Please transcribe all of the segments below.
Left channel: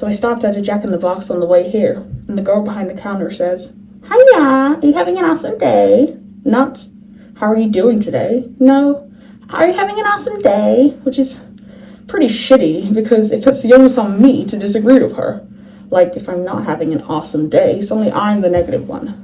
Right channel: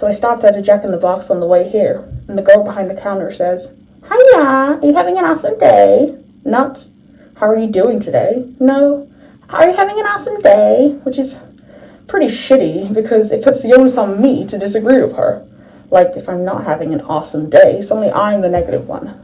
So I stopped at a Jack in the Box on the way here, and the girl behind the counter says, "Hiya, are you having an awesome day?" Not, "How are you doing today?" No, "Are you having an awesome day?" Which is pretty shitty, because it puts the onus on me to disagree with her. Like, if I'm not having an awesome day, suddenly I'm the negative one.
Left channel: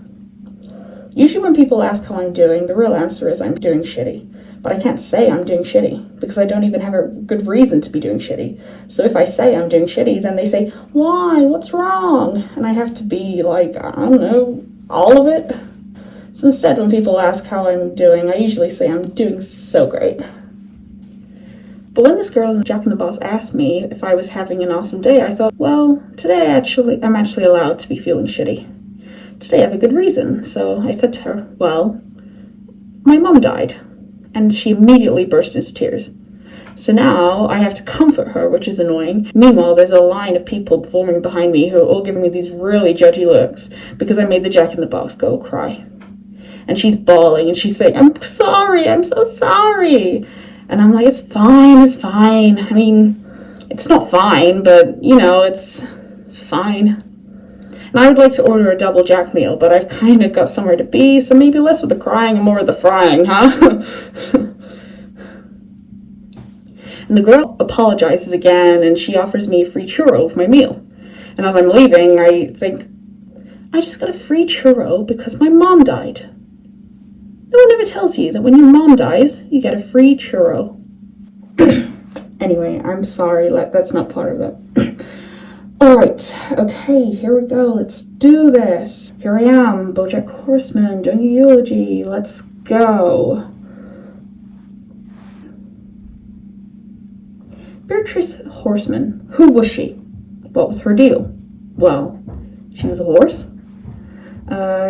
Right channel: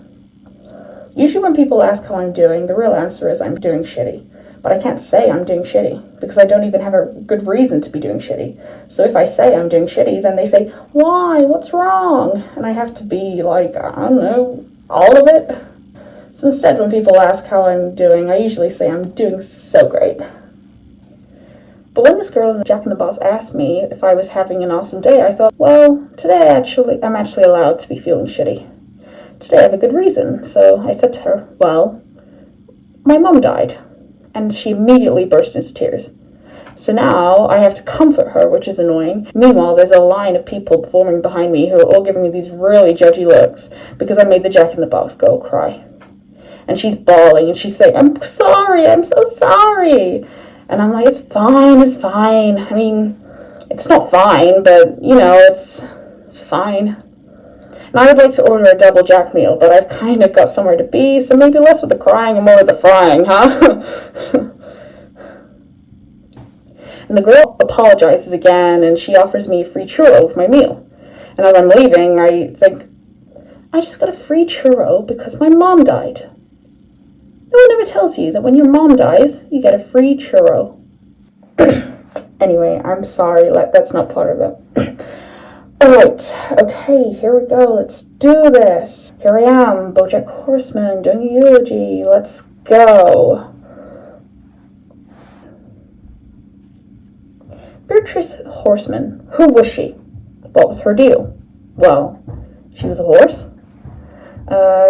Usually when people ask how I'm doing, the real answer is I'm doing shitty. But I can't say I'm doing shitty, because I don't even have a good reason to be doing shitty. So if I say I'm doing shitty, then they say, "Why? What's wrong?" And I have to be like, I don't know, all of it. So instead, when people ask how I'm doing, I usually say I'm doing so great. But when this girl in the Jack in the Box asked me if I was having an awesome day, I thought, well, today I'm actually allowed to be feeling shitty. Today I have a good reason. So I said to her, well, my mum died. And she immediately burst into tears. So now I have to comfort her, which is annoying. Meanwhile, there's a line of people forming behind me who are all giving me these really judgy looks because I made the Jack in the Box girl cry. And she's bawling and she's saying, "I'm sorry, I'm so sorry." And I'm like, it's fine. I mean, it's not fine, but, you know, it's fine. And I would like to order a double Jack meal, but I've kind of got somewhere to be, so maybe less with the crying and more with the frying, huh? And the girl apologizes again, and she offers me a free churro with my meal. And as I'm leaving, I think, I just got a free churro because my mom died. No one ever tells you that when your mom dies, you get a free churro. Anyway, I'm sorry, that's not part of it. Alright, okay, here we go, let's do this. Here I am, BoJack Horseman, doing a eulogy, let's go. Beatrice Horseman, who was she? What was her deal? Well, she was a horse.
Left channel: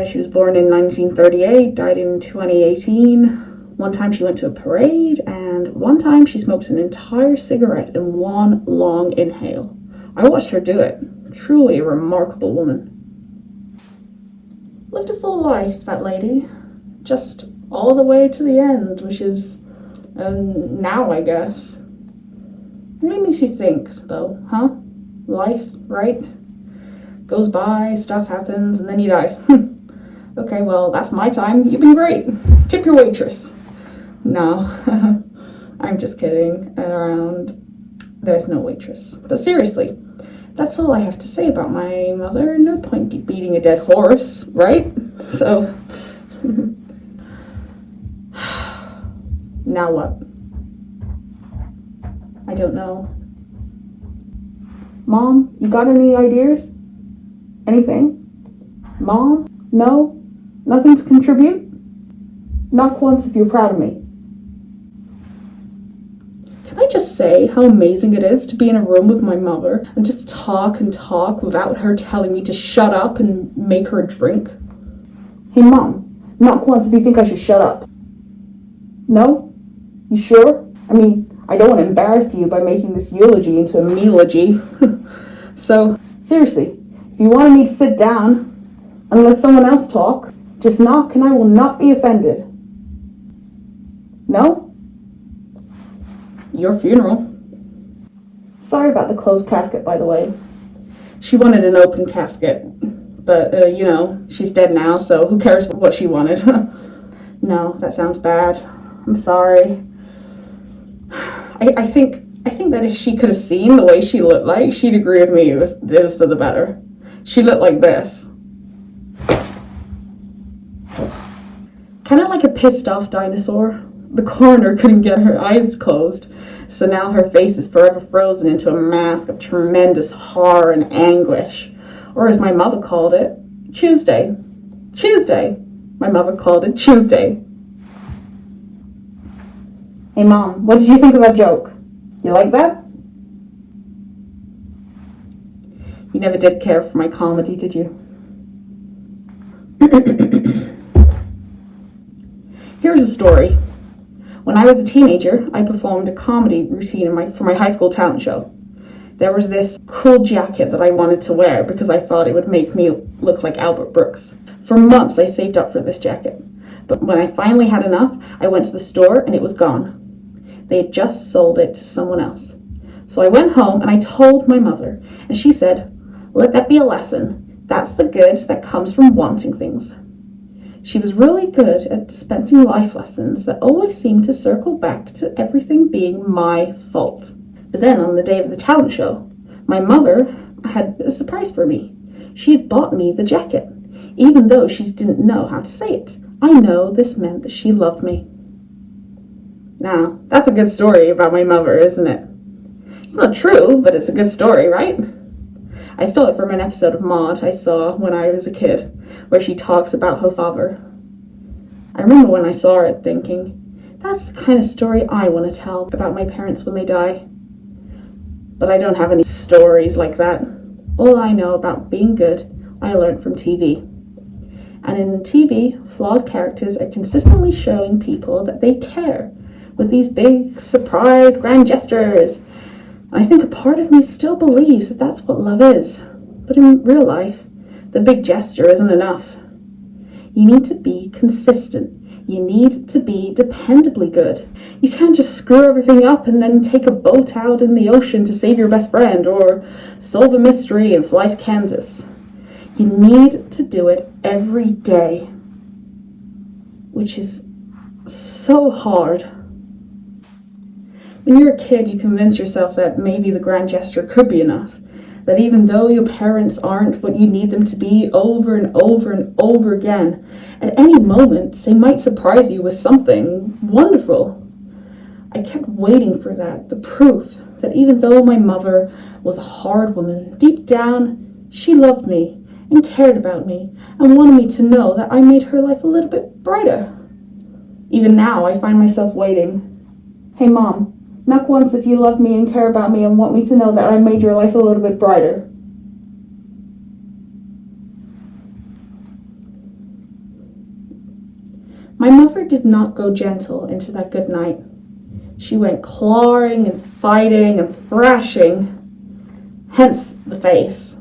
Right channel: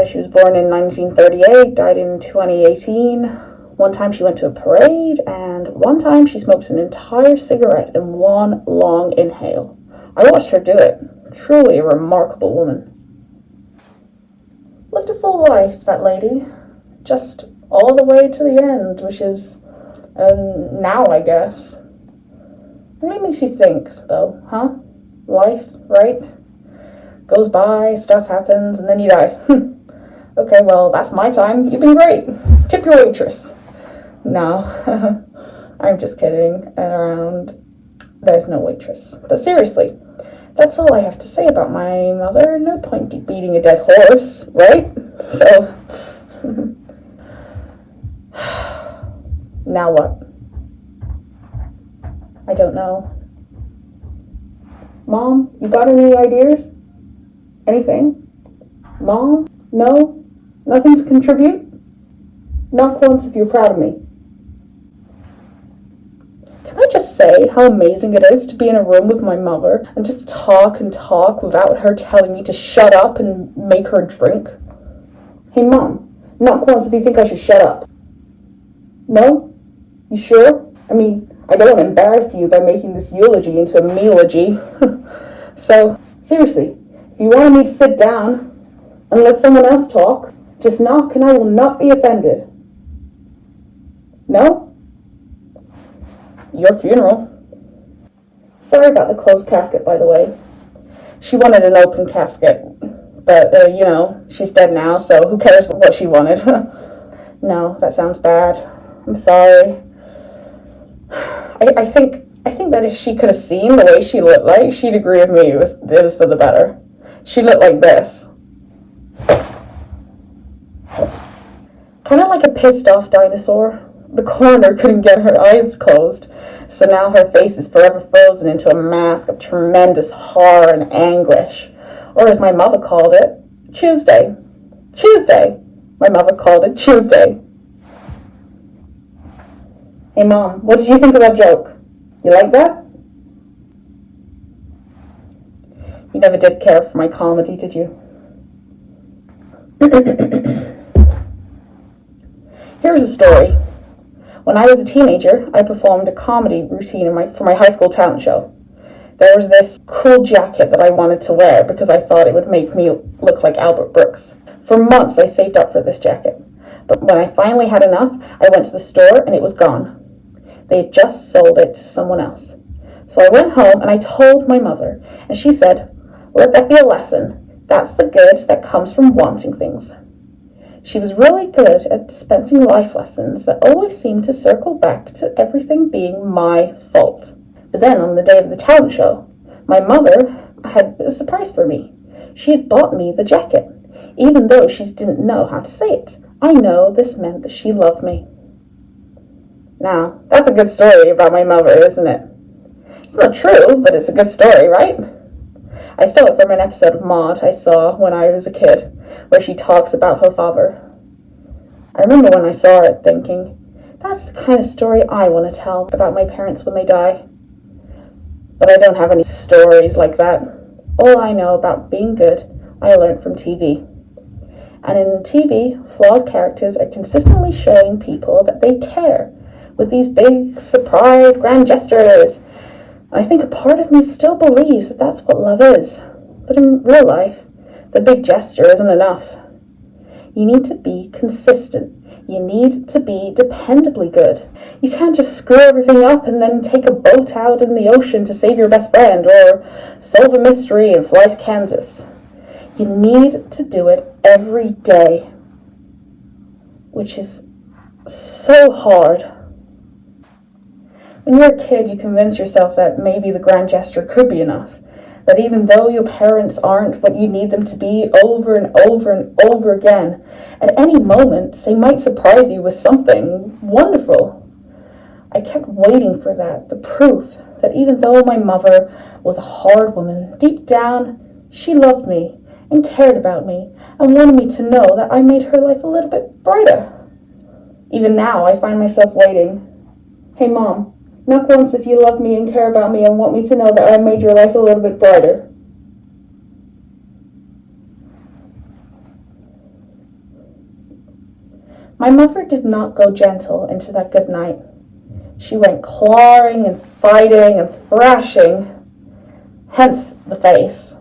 She was born in 1938, died in 2018. One time she went to a parade, and one time she smoked an entire cigarette in one long inhale. I watched her do it. Truly a remarkable woman. Lived a full life, that lady. Just all the way to the end, which is now, I guess. It really makes you think, though, huh? Life, right? Goes by, stuff happens, and then you die. Okay, well, that's my time. You've been great. Tip your waitress. No, I'm just kidding around. There's no waitress. But seriously, that's all I have to say about my mother. No point beating a dead horse, right? So, now what? I don't know. Mom, you got any ideas? Anything? Mom? No? Nothing to contribute? Knock once if you're proud of me. Can I just say how amazing it is to be in a room with my mother and just talk and talk without her telling me to shut up and make her drink? Hey Mom, knock once if you think I should shut up. No? You sure? I mean, I don't want to embarrass you by making this eulogy into a mealogy. So, seriously, if you wanted me to sit down and let someone else talk, just knock and I will not be offended. No? Your funeral. Sorry about the closed casket, by the way. She wanted an open casket, but, you know, she's dead now, so who cares what she wanted? No, that sounds bad. I'm sorry. I think that if she could have seen the way she looked like, she'd agree with me it was for the better. She looked like this. Kind of like a pissed off dinosaur. The coroner couldn't get her eyes closed, so now her face is forever frozen into a mask of tremendous horror and anguish. Or as my mother called it, Tuesday. Tuesday! My mother called it Tuesday. Hey Mom, what did you think of that joke? You like that? You never did care for my comedy, did you? Here's a story. When I was a teenager, I performed a comedy routine for my high school talent show. There was this cool jacket that I wanted to wear because I thought it would make me look like Albert Brooks. For months, I saved up for this jacket. But when I finally had enough, I went to the store and it was gone. They had just sold it to someone else. So I went home and I told my mother, and she said, "Let that be a lesson. That's the good that comes from wanting things." She was really good at dispensing life lessons that always seemed to circle back to everything being my fault. But then on the day of the talent show, my mother had a surprise for me. She had bought me the jacket, even though she didn't know how to say it. I know this meant that she loved me. Now, that's a good story about my mother, isn't it? It's not true, but it's a good story, right? I stole it from an episode of Maude I saw when I was a kid, where she talks about her father. I remember when I saw it thinking, that's the kind of story I want to tell about my parents when they die. But I don't have any stories like that. All I know about being good, I learned from TV. And in TV, flawed characters are consistently showing people that they care, with these big, surprise, grand gestures. And I think a part of me still believes that that's what love is. But in real life, the big gesture isn't enough. You need to be consistent. You need to be dependably good. You can't just screw everything up and then take a boat out in the ocean to save your best friend or solve a mystery and fly to Kansas. You need to do it every day, which is so hard. When you're a kid, you convince yourself that maybe the grand gesture could be enough. That even though your parents aren't what you need them to be over and over and over again, at any moment they might surprise you with something wonderful. I kept waiting for that, the proof that even though my mother was a hard woman, deep down she loved me and cared about me and wanted me to know that I made her life a little bit brighter. Even now I find myself waiting. Hey Mom, knock once if you love me and care about me and want me to know that I made your life a little bit brighter. My mother did not go gentle into that good night. She went clawing and fighting and thrashing, hence the face.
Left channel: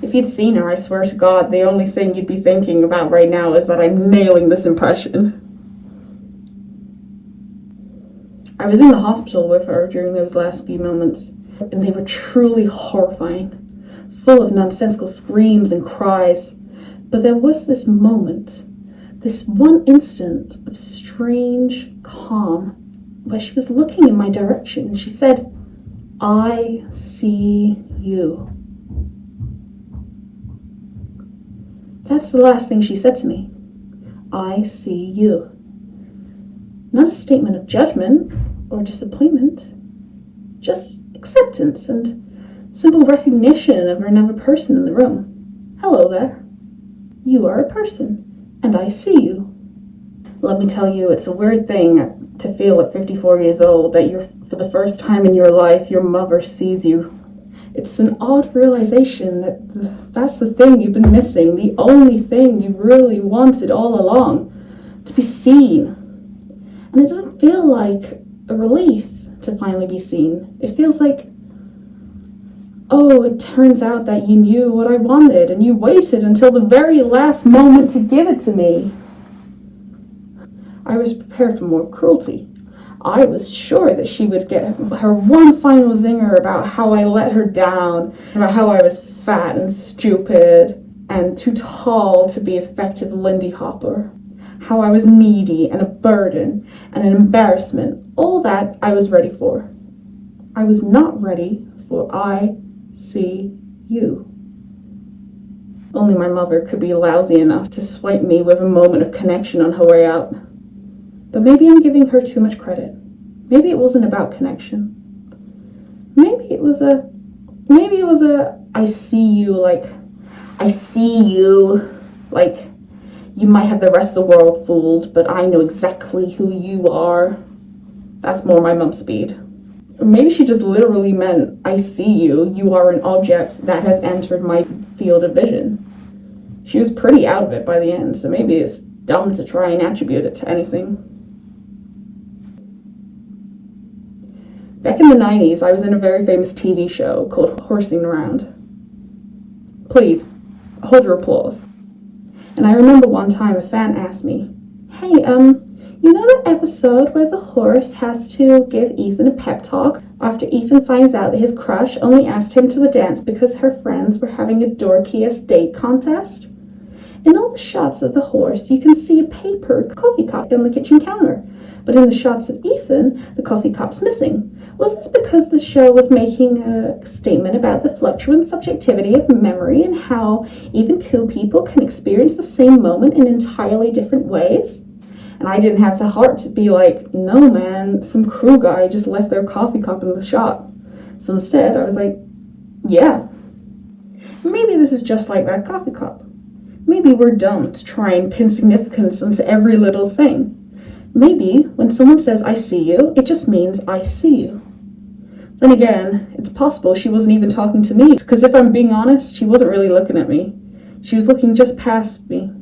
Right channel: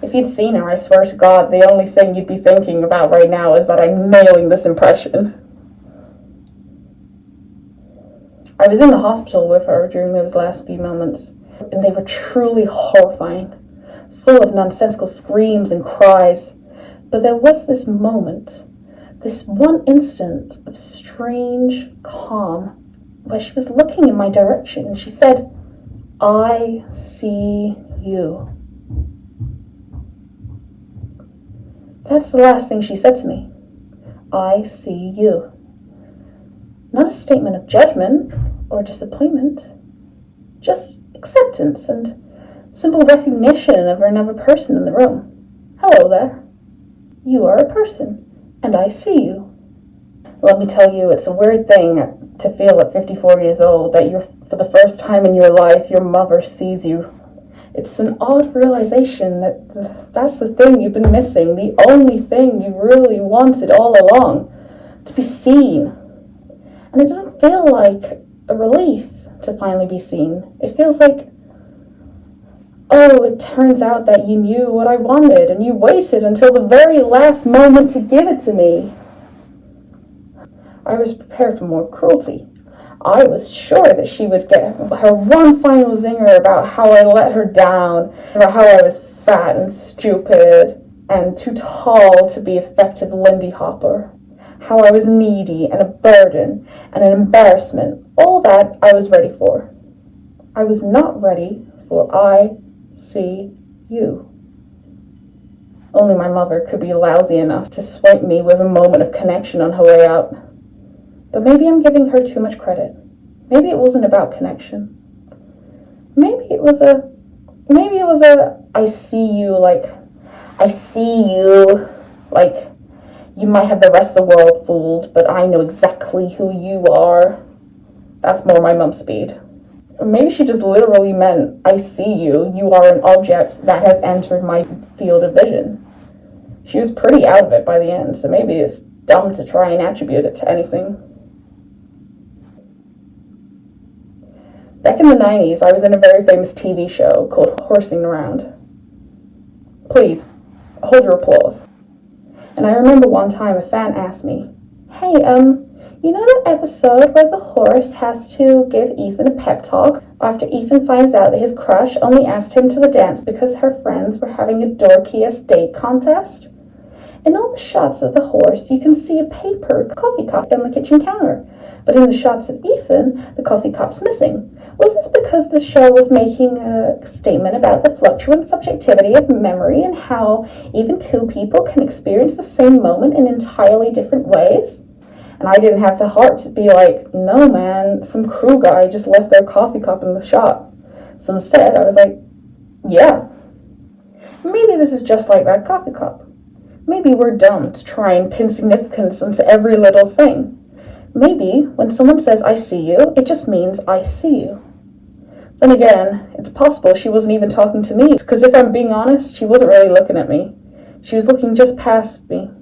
If you'd seen her, I swear to God, the only thing you'd be thinking about right now is that I'm nailing this impression. I was in the hospital with her during those last few moments, and they were truly horrifying, full of nonsensical screams and cries. But there was this moment, this one instant of strange calm, where she was looking in my direction, and she said, "I see you." That's the last thing she said to me. I see you. Not a statement of judgment or disappointment, just acceptance and simple recognition of another person in the room. Hello there. You are a person, and I see you. Let me tell you, it's a weird thing to feel at 54 years old that for the first time in your life, your mother sees you. It's an odd realization that that's the thing you've been missing, the only thing you really wanted all along, to be seen. And it doesn't feel like a relief to finally be seen. It feels like, oh, it turns out that you knew what I wanted, and you waited until the very last moment to give it to me. I was prepared for more cruelty. I was sure that she would get her one final zinger about how I let her down, about how I was fat and stupid and too tall to be effective Lindy Hopper, how I was needy and a burden and an embarrassment. All that I was ready for. I was not ready for I see you. Only my mother could be lousy enough to swipe me with a moment of connection on her way out. But maybe I'm giving her too much credit. Maybe it wasn't about connection. Maybe it was a I see you, like you might have the rest of the world fooled, but I know exactly who you are. That's more my mum's speed. Or maybe she just literally meant, I see you. You are an object that has entered my field of vision. She was pretty out of it by the end, so maybe it's dumb to try and attribute it to anything. Back in the 90s, I was in a very famous TV show called Horsing Around. Please, hold your applause. And I remember one time a fan asked me, hey, You know that episode where the horse has to give Ethan a pep talk after Ethan finds out that his crush only asked him to the dance because her friends were having a dorkiest date contest? In all the shots of the horse, you can see a paper coffee cup on the kitchen counter, but in the shots of Ethan, the coffee cup's missing. Was this because the show was making a statement about the fluctuant subjectivity of memory and how even two people can experience the same moment in entirely different ways? And I didn't have the heart to be like, no man, some crew guy just left their coffee cup in the shot. So instead, I was like, yeah. Maybe this is just like that coffee cup. Maybe we're dumb to try and pin significance into every little thing. Maybe when someone says, I see you, it just means I see you. Then again, it's possible she wasn't even talking to me, because if I'm being honest, she wasn't really looking at me. She was looking just past me.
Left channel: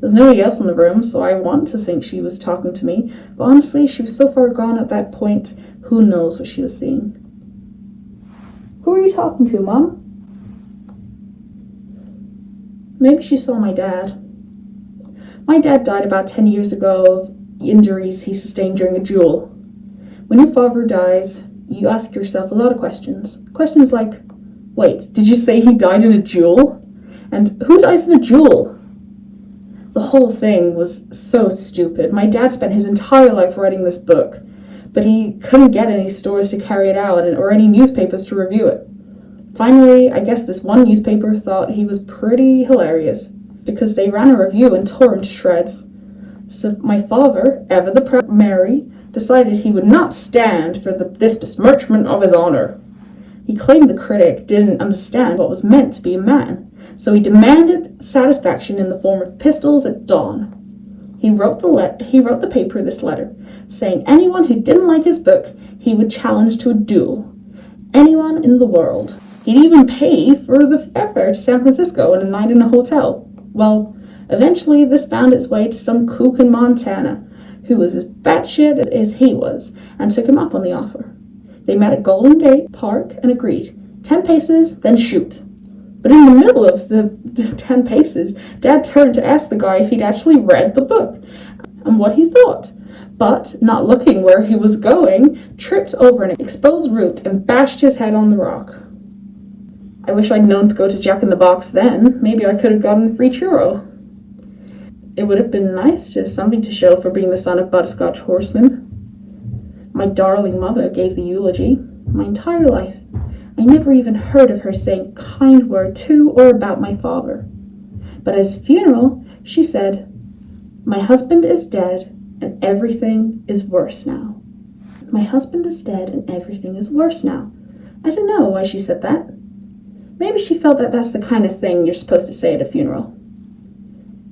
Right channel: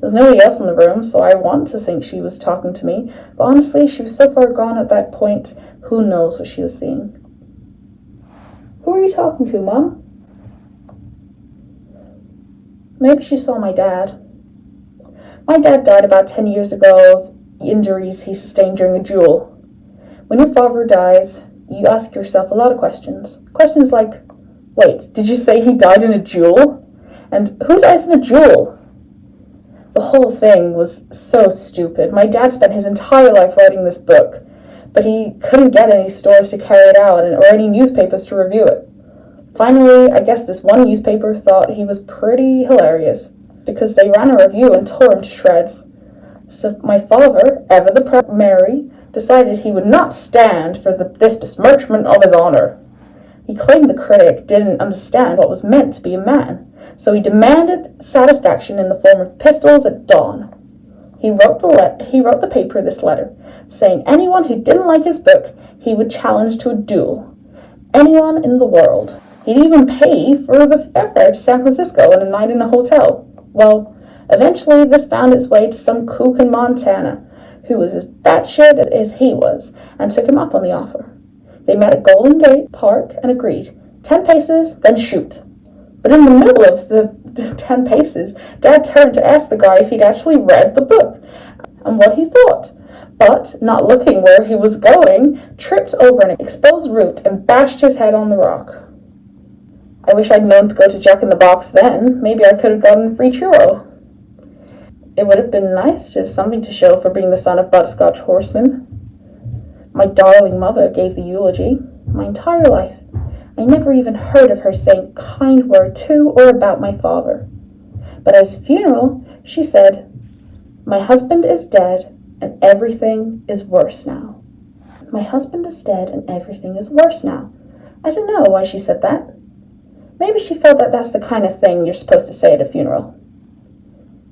There was nobody else in the room, so I want to think she was talking to me, but honestly, she was so far gone at that point, who knows what she was seeing. Who are you talking to, Mom? Maybe she saw my dad. My dad died about 10 years ago of injuries he sustained during a duel. When your father dies, you ask yourself a lot of questions. Questions like, wait, did you say he died in a duel? And who dies in a duel? The whole thing was so stupid. My dad spent his entire life writing this book, but he couldn't get any stores to carry it out or any newspapers to review it. Finally, I guess this one newspaper thought he was pretty hilarious, because they ran a review and tore him to shreds. So my father, ever the proud Mary, decided he would not stand for this besmirchment of his honor. He claimed the critic didn't understand what was meant to be a man, so he demanded satisfaction in the form of pistols at dawn. He wrote the paper this letter, saying anyone who didn't like his book, he would challenge to a duel. Anyone in the world. He'd even pay for the airfare to San Francisco and a night in a hotel. Well, eventually this found its way to some kook in Montana, who was as batshit as he was, and took him up on the offer. They met at Golden Gate Park and agreed, 10 paces, then shoot. But in the middle of the 10 paces, Dad turned to ask the guy if he'd actually read the book and what he thought. But, not looking where he was going, tripped over an exposed root and bashed his head on the rock. I wish I'd known to go to Jack in the Box then. Maybe I could have gotten a free churro. It would have been nice to have something to show for being the son of Butterscotch Horseman. My darling mother gave the eulogy. My entire life, I never even heard of her saying a kind word to or about my father. But at his funeral, she said, my husband is dead and everything is worse now. My husband is dead and everything is worse now. I don't know why she said that. Maybe she felt that that's the kind of thing you're supposed to say at a funeral.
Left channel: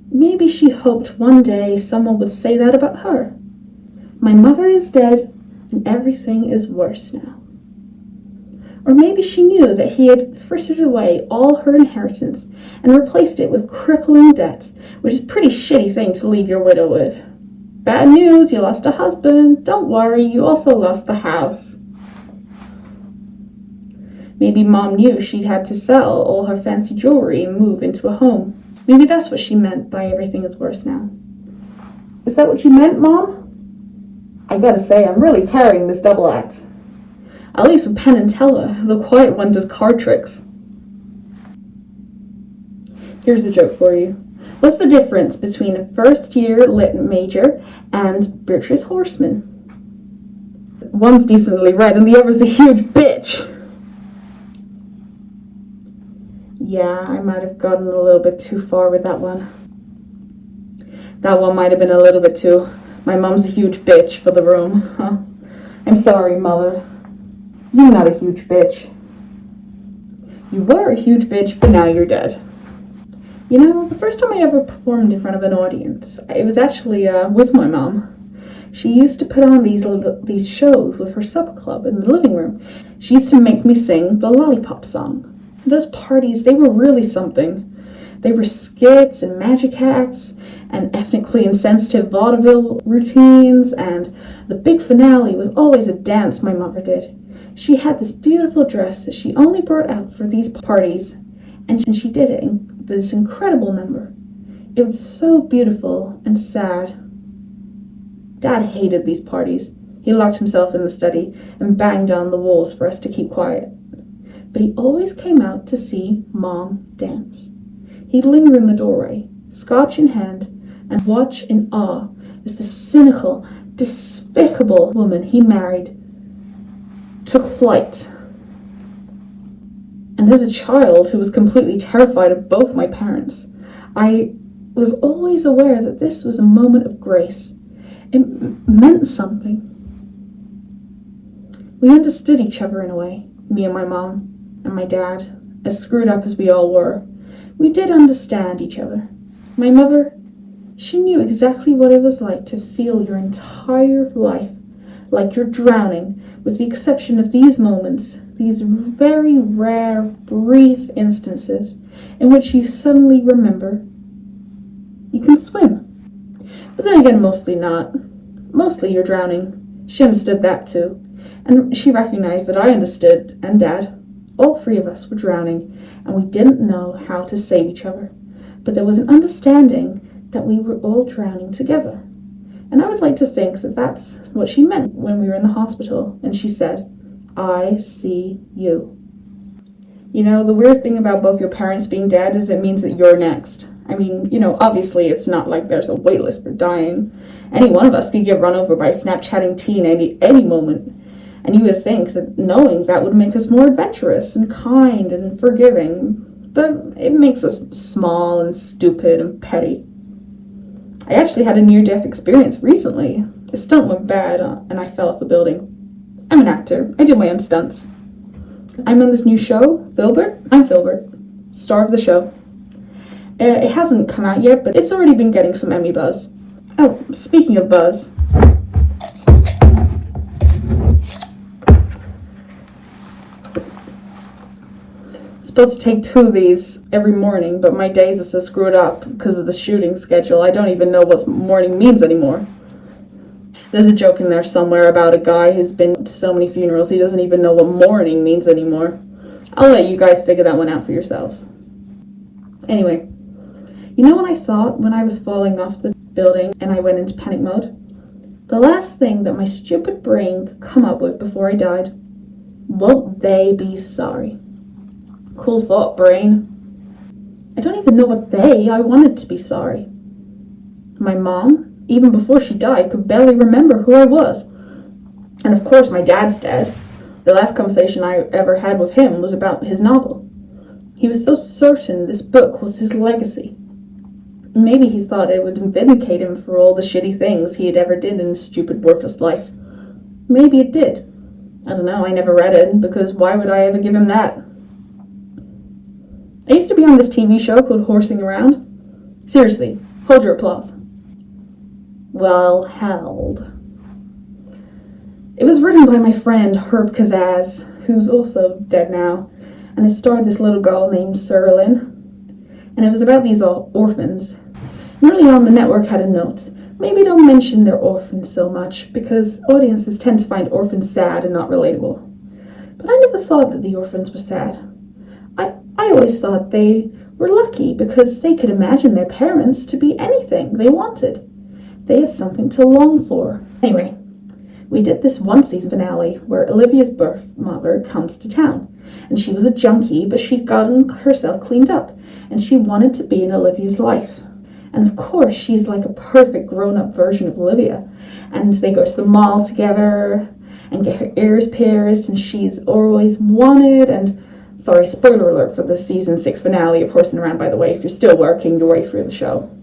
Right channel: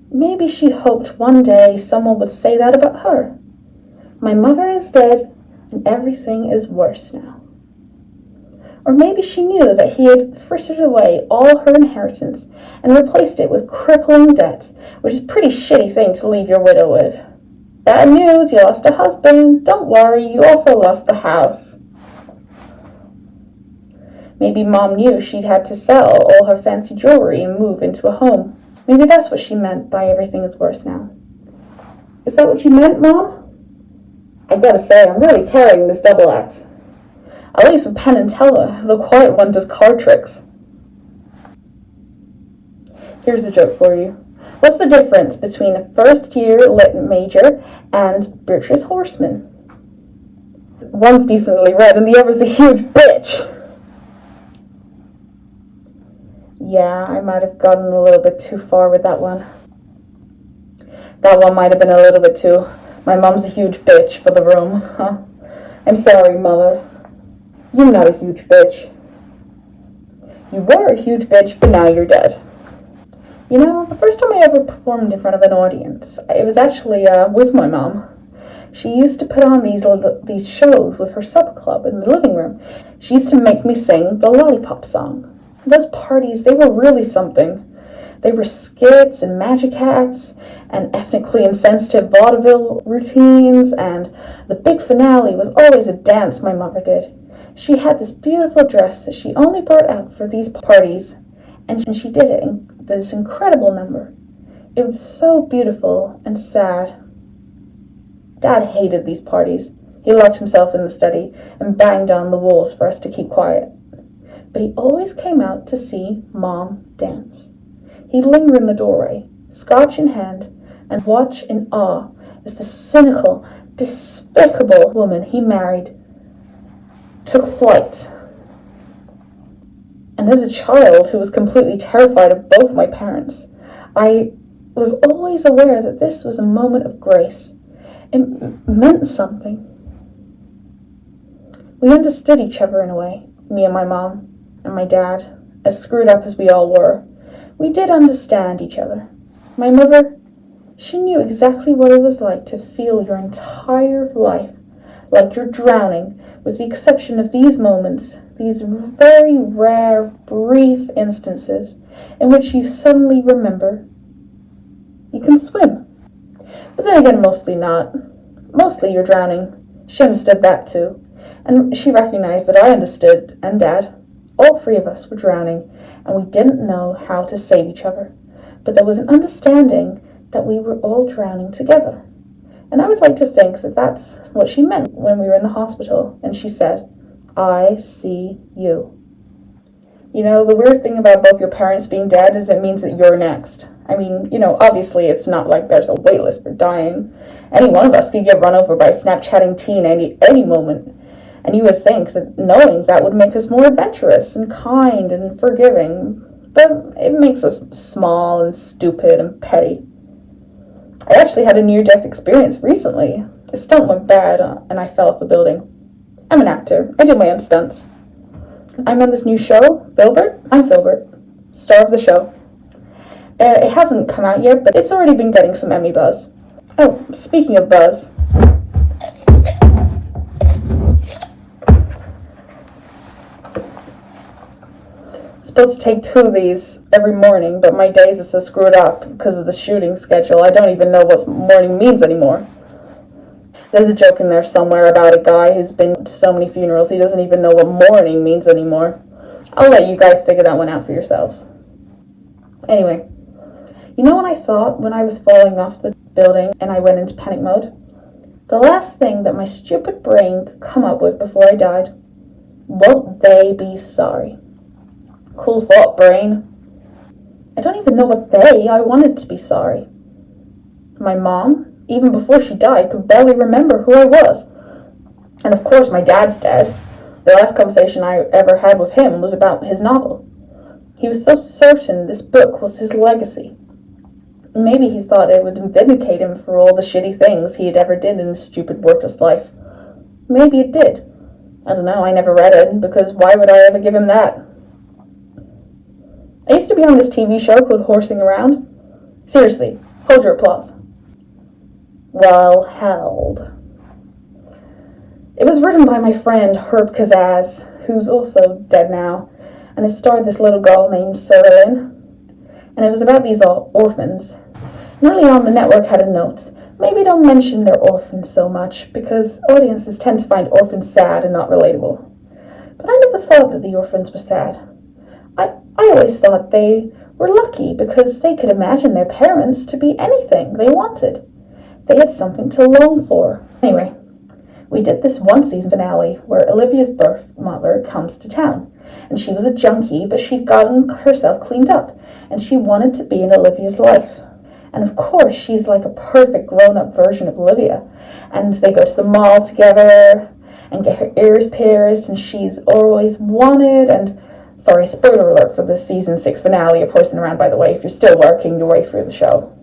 Maybe she hoped one day someone would say that about her. My mother is dead and everything is worse now. Or maybe she knew that he had frittered away all her inheritance and replaced it with crippling debt, which is a pretty shitty thing to leave your widow with. Bad news, you lost a husband. Don't worry, you also lost the house. Maybe Mom knew she'd had to sell all her fancy jewelry and move into a home. Maybe that's what she meant by everything is worse now. Is that what you meant, Mom? I gotta say, I'm really carrying this double act. At least with Penn and Teller, the quiet one does card tricks. Here's a joke for you. What's the difference between a first-year lit major and Beatrice Horseman? One's decently read and the other's a huge bitch. Yeah, I might have gotten a little bit too far with that one. That one might have been a little bit too, my mom's a huge bitch for the room, huh? I'm sorry, Mother. You're not a huge bitch. You were a huge bitch, but now you're dead. You know, the first time I ever performed in front of an audience, it was actually with my mom. She used to put on these shows with her supper club in the living room. She used to make me sing the Lollipop song. Those parties, they were really something. They were skits and magic acts and ethnically insensitive vaudeville routines, and the big finale was always a dance my mother did. She had this beautiful dress that she only brought out for these parties, and she did it in this incredible number. It was so beautiful and sad. Dad hated these parties. He locked himself in the study and banged on the walls for us to keep quiet. But he always came out to see Mom dance. He'd linger in the doorway, scotch in hand, and watch in awe as the cynical, despicable woman he married took flight. And as a child who was completely terrified of both my parents, I was always aware that this was a moment of grace. It meant something. We understood each other in a way, me and my mom and my dad, as screwed up as we all were. We did understand each other. My mother, she knew exactly what it was like to feel your entire life like you're drowning, with the exception of these moments, these very rare, brief instances in which you suddenly remember you can swim. But then again, mostly not. Mostly you're drowning. She understood that too. And she recognized that I understood, and Dad. All three of us were drowning, and we didn't know how to save each other. But there was an understanding that we were all drowning together. And I would like to think that that's what she meant when we were in the hospital, and she said, "I see you." You know, the weird thing about both your parents being dead is it means that you're next. I mean, obviously it's not like there's a wait list for dying. Any one of us could get run over by a Snapchatting teen any moment. And you would think that knowing that would make us more adventurous and kind and forgiving. But it makes us small and stupid and petty. I actually had a near-death experience recently. A stunt went bad and I fell off a building. I'm an actor. I do my own stunts. I'm on this new show, Filbert. I'm Filbert, star of the show. It hasn't come out yet, but it's already been getting some Emmy buzz. Oh, speaking of buzz. Supposed to take 2 of these every morning, but my days are so screwed up because of the shooting schedule. I don't even know what morning means anymore. There's a joke in there somewhere about a guy who's been to so many funerals he doesn't even know what morning means anymore. I'll let you guys figure that one out for yourselves. Anyway, you know what I thought when I was falling off the building and I went into panic mode? The last thing that my stupid brain could come up with before I died: won't they be sorry? Cool thought, brain. I don't even know what I wanted to be sorry. My mom, even before she died, could barely remember who I was. And of course my dad's dead. The last conversation I ever had with him was about his novel. He was so certain this book was his legacy. Maybe he thought it would vindicate him for all the shitty things he had ever did in his stupid, worthless life. Maybe it did. I don't know, I never read it, because why would I ever give him that? I used to be on this TV show called Horsing Around. Seriously, hold your applause. Well held. It was written by my friend Herb Kazaz, who's also dead now, and it starred this little girl named Sarah Lynn. And it was about these orphans. And early on, the network had a note: maybe don't mention they're orphans so much, because audiences tend to find orphans sad and not relatable. But I never thought that the orphans were sad. I always thought they were lucky because they could imagine their parents to be anything they wanted. They had something to long for. Anyway, we did this one-season finale where Olivia's birth mother comes to town. And she was a junkie, but she'd gotten herself cleaned up. And she wanted to be in Olivia's life. And of course, she's like a perfect grown-up version of Olivia. And they go to the mall together and get her ears pierced. And she's always wanted. And sorry, spoiler alert for the season 6 finale of Horsing Around, by the way. If you're still working your way through the show.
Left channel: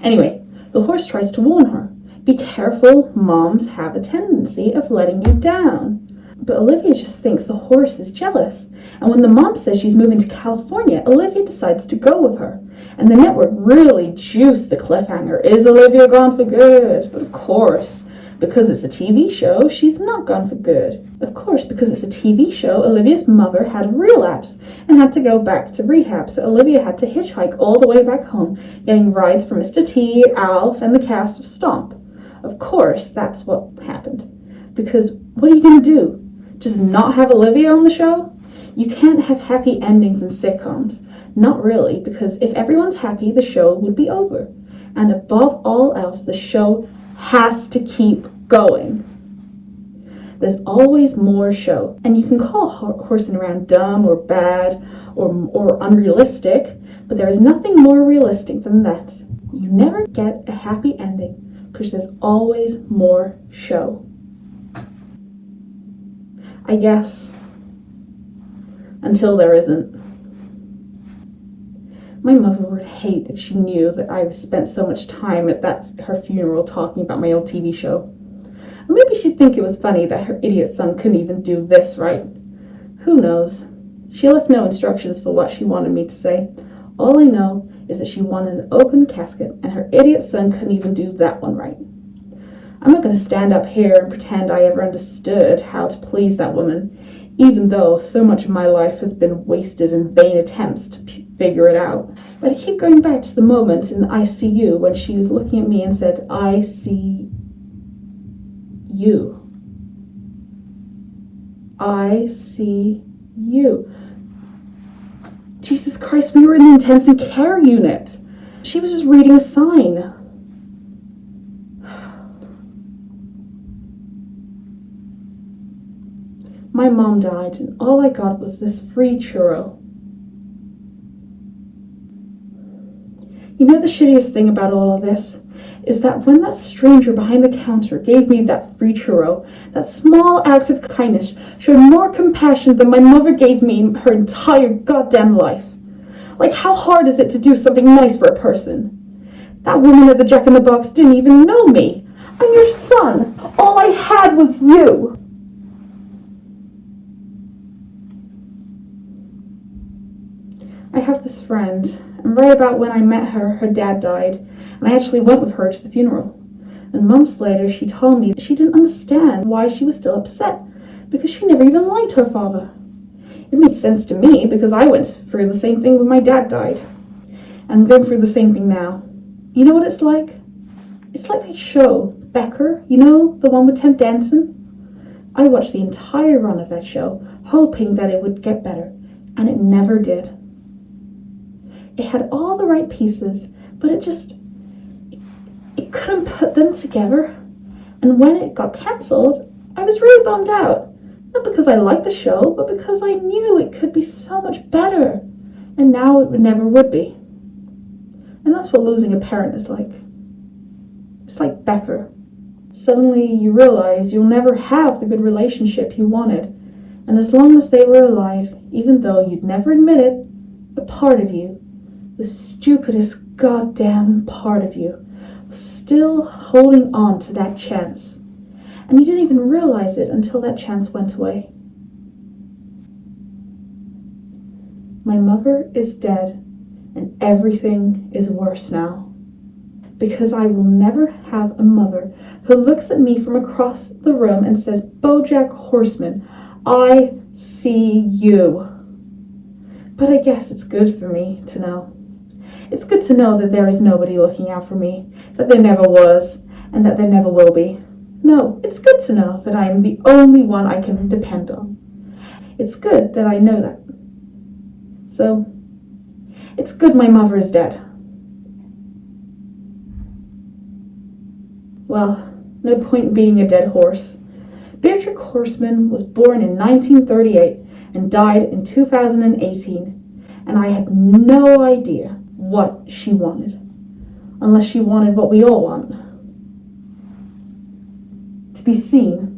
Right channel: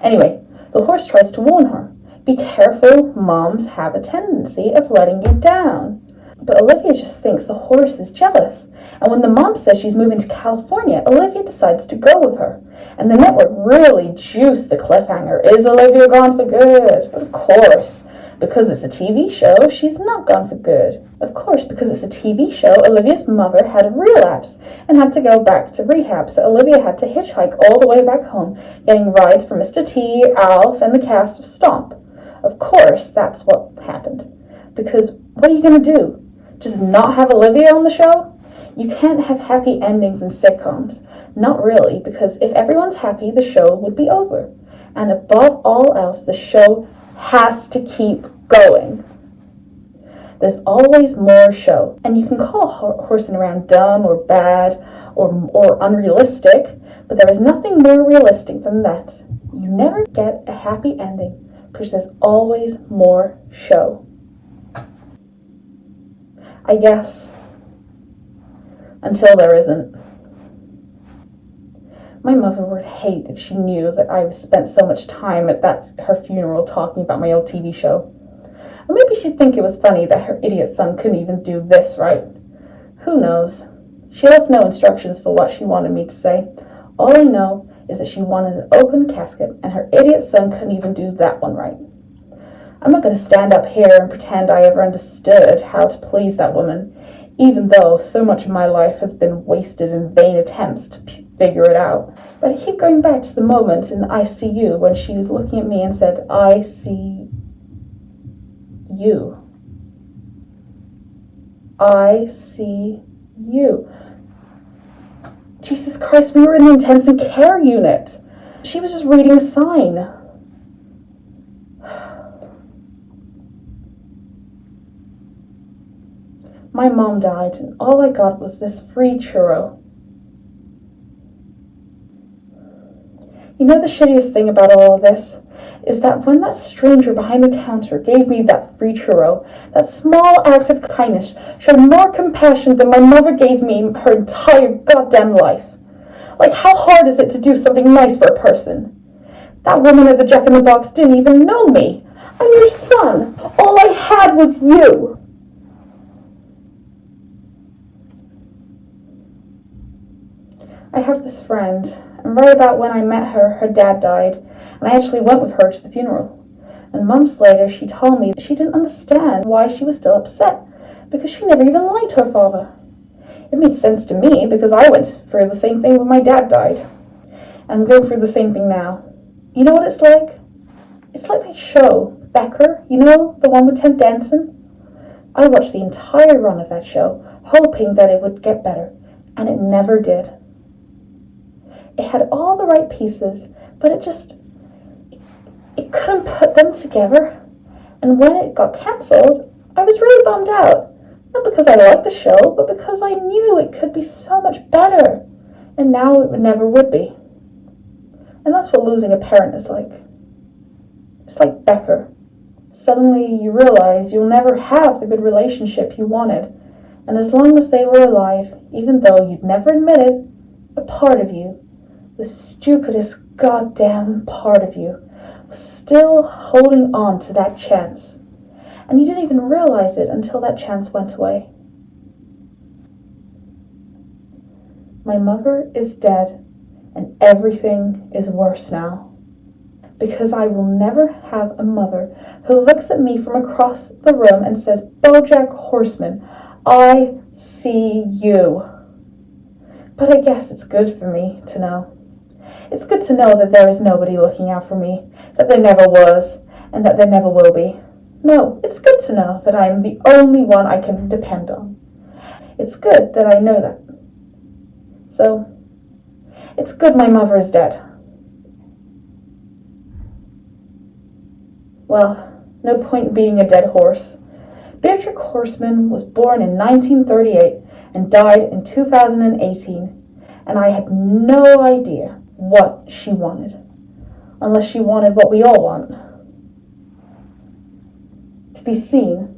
Anyway, the horse tries to warn her. Be careful, moms have a tendency of letting you down. But Olivia just thinks the horse is jealous. And when the mom says she's moving to California, Olivia decides to go with her. And the network really juiced the cliffhanger. Is Olivia gone for good? But of course, because it's a TV show, she's not gone for good. Of course, because it's a TV show, Olivia's mother had a relapse and had to go back to rehab. So Olivia had to hitchhike all the way back home, getting rides from Mr. T, Alf, and the cast of Stomp. Of course, that's what happened. Because what are you going to do? Just not have Olivia on the show? You can't have happy endings in sitcoms. Not really, because if everyone's happy, the show would be over. And above all else, the show has to keep going. There's always more show, and you can call horsing around dumb or bad or unrealistic, but there is nothing more realistic than that. You never get a happy ending because there's always more show. I guess, until there isn't. My mother would hate if she knew that I spent so much time at her funeral talking about my old TV show. Or maybe she'd think it was funny that her idiot son couldn't even do this right. Who knows? She left no instructions for what she wanted me to say. All I know is that she wanted an open casket, and her idiot son couldn't even do that one right. I'm not going to stand up here and pretend I ever understood how to please that woman, even though so much of my life has been wasted in vain attempts to figure it out. But I keep going back to the moment in the ICU when she was looking at me and said, "I see you. I see you." Jesus Christ, we were in the intensive care unit. She was just reading a sign. My mom died, and all I got was this free churro. You know the shittiest thing about all of this? Is that when that stranger behind the counter gave me that free churro, that small act of kindness showed more compassion than my mother gave me her entire goddamn life. Like, how hard is it to do something nice for a person? That woman at the Jack in the Box didn't even know me. I'm your son. All I had was you. I have this friend, and right about when I met her, her dad died, and I actually went with her to the funeral. And months later, she told me that she didn't understand why she was still upset, because she never even liked her father. It made sense to me, because I went through the same thing when my dad died. And I'm going through the same thing now. You know what it's like? It's like that show, Becker, you know, the one with Ted Danson? I watched the entire run of that show, hoping that it would get better, and it never did. It had all the right pieces, but it couldn't put them together. And when it got cancelled, I was really bummed out. Not because I liked the show, but because I knew it could be so much better. And now it never would be. And that's what losing a parent is like. It's like Becker. Suddenly you realize you'll never have the good relationship you wanted. And as long as they were alive, even though you'd never admit it, a part of you, the stupidest goddamn part of you, was still holding on to that chance. And you didn't even realize it until that chance went away. My mother is dead, and everything is worse now. Because I will never have a mother who looks at me from across the room and says, "BoJack Horseman, I see you." But I guess it's good for me to know. It's good to know that there is nobody looking out for me, that there never was, and that there never will be. No, it's good to know that I am the only one I can depend on. It's good that I know that. So, it's good my mother is dead. Well, no point in beating a dead horse. Beatrix Horseman was born in 1938 and died in 2018, and I had no idea what she wanted, unless she wanted what we all want. To be seen,